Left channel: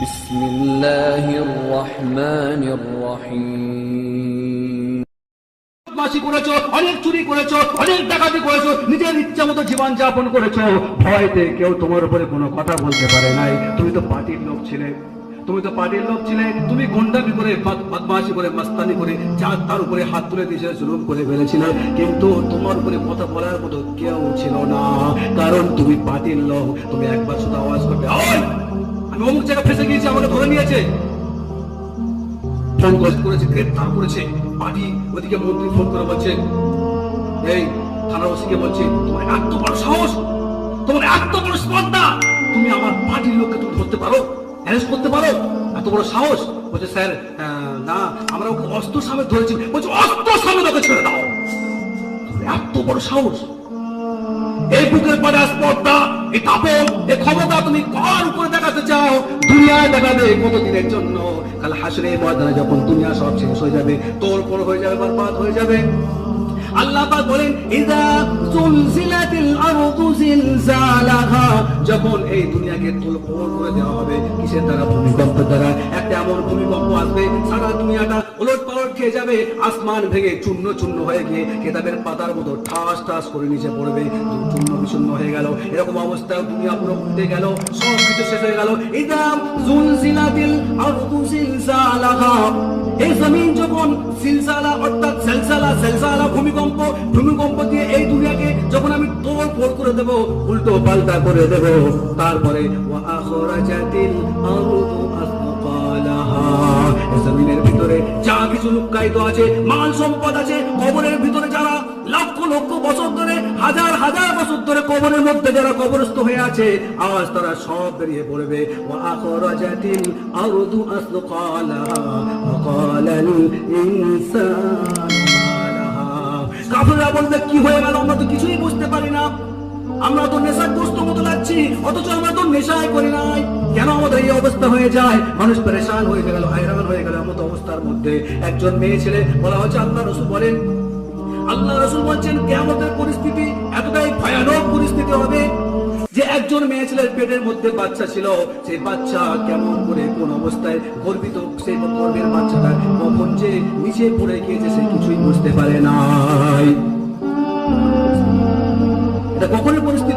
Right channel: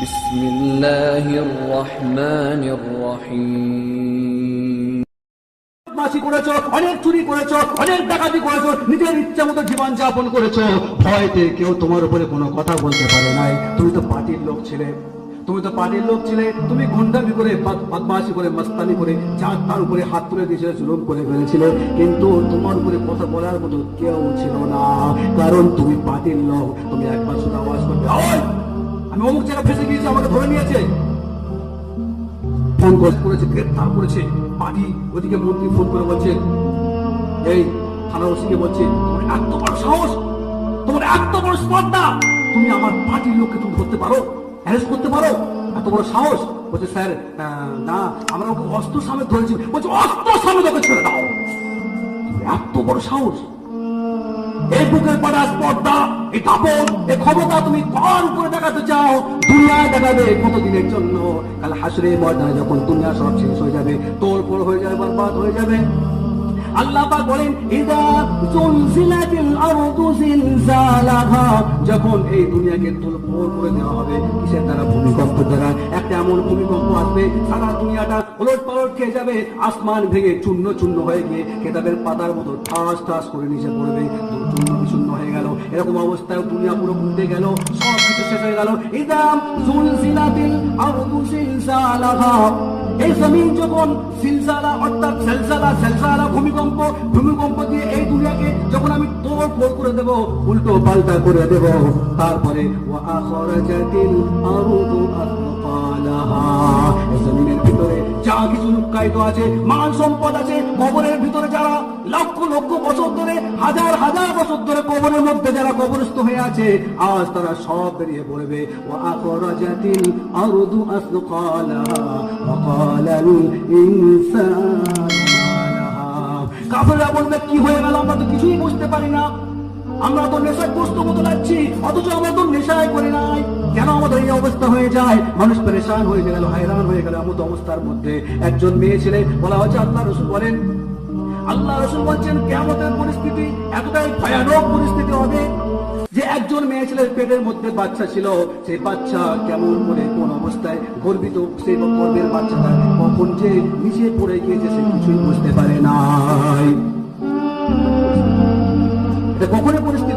বিসমিল্লাহির রহমানির রহিম। করেছো, অনেক চুরি করেছো, অনেক ডাকাতি করেছো, নিজের ইচ্ছা মতো জীবন যাপন করেছো, ভয়তে কেউ তোমার উপরে কোনো কথা বলতে পারে নাই। তুমি তো পার্টির লোক ছিলে, তুমি গুন্ডামি করে, বদমাশি করে, মস্তানি করে যা তার উপরে হাত তুলে দিয়েছিলে, জুলুম করে ফেলেছিলে, কিন্তু তোমার উপরে কথা বলার মতো কেউ ছিল না, কারণ তুমি পার্টির লোক। তুমি একবার শুধু আওয়াজ করবে, আমি অমুক জায়গায় ফেসে গিয়েছি, আমাকে ধরে নিয়েছে, ফোন করেছে, গ্রেপ্তার করেছে পার্টি। ওদিকে মন্ত্রী ফোন করে বলছে, এই থানা ওসিকে বলছে, তোমার এত বড় সাহস, তোমার এত বড় স্পর্ধা, তুমি আমার পার্টির লোককে তুমি ধরতে পারো, অ্যারেস্ট করতে পারো, এত বড় সাহস? বলছে, স্যার না, আমরা অস্ত্র সামনে ধরেছি। বলছে, অস্ত্র সামনে তোকে ছেড়ে দাও, এত বড় সাহস? এই বুকের পরে স্পর্ধা, এই দাপট, এই ক্ষমতা তুমি কার উপরে দেখাতে চাও? দুনিয়ায় দেখাবে কতদিনের জন্য? কাল হাসরে ময়দানে যখন দুনিয়া সব শেষ হয়ে যাবে, তোড়ফোড় হয়ে যাবে, বরবাদ হয়ে যাবে, আল্লাহ পাক বলেন, ইযা জুলজিলাতিল আরদু জিলজালাহা, যখন এই দুনিয়াকে তোড়ফোড় করে দেওয়া হবে, কিসের দ্বারা? ভূমিকম্পের দ্বারা। একটা এমন ভূমিকম্প আসবে, সারা দুনিয়াটা ওলটপালট খেয়ে যাবে, আসমান ভেঙে চূর্ণ চূর্ণ হয়ে গিয়ে কেতাবের পাতার মতো ঠাস ঠাস করে নিচে পড়বে, চূর্ণ বিচূর্ণ হয়ে গেল। এরকম অবস্থায় দুনিয়া পুরো উঠে গেল, সব কিছু শেষ হয়ে গেল। ইযা জুলজিলাতিল আরদু জিলজালাহা, এই জমিন যখন সিলসালা অর্থাৎ সেলসালা ভূমিকম্প দিয়ে এই দুনিয়াকে যখন আমি তোড়ফোড় করে দেব, উল্টো পাল্টা করে দেব, তারপরে ওয়া আখরাজাতিল আরদু আথকালাহা, জমিনের ভিতরে যা কিছু লুকায়িত আছে, মাল সম্পদ আছে, কবরের ভিতরে যারা লক্ষ লক্ষ বছর ধরে, হাজার হাজার বছর ধরে কবরের মধ্যে যারা কবরস্থ হয়ে আছে, আজ তারা সব বেরিয়ে পড়বে। ওয়া আখরাজাতিল আরদু আথকালাহা ওয়া ক্বালাল ইনসান, কাফেররা বলবে, কি হয়ে গেল? আমরা তো কিছুই বুঝতে পারি না, আমরা তো নেশাগ্রস্ত মতো লাগছি, অথচ আমরা তো নেশাই করি নাই, কেন আমাদের এই অবস্থা হয়ে যায়? মানুষ পেরেশান হয়ে গেল, হায়রান হয়ে গেল। এমন অবস্থার মধ্যে একজন মেয়ে ছেলে বলা হচ্ছে, আল্লাহ রাসূল বলেন, আল্লাহ রাসূল বলছেন, কিয়ামতের পরিস্থিতি এতটাই ভয়ানক পরিস্থিতি হবে যে একজন মেয়ে ছেলের পেটের মধ্যে বাচ্চা ছিল, সেই বাচ্চা কেমন করে, কোন অবস্থায় গর্বিত, সেই গর্ভের বাচ্চাটা কখন যে নিচে পড়ে গিয়েছে সে কিছুই বুঝতে পারে নাই। এটা কখনের পরিস্থিতি?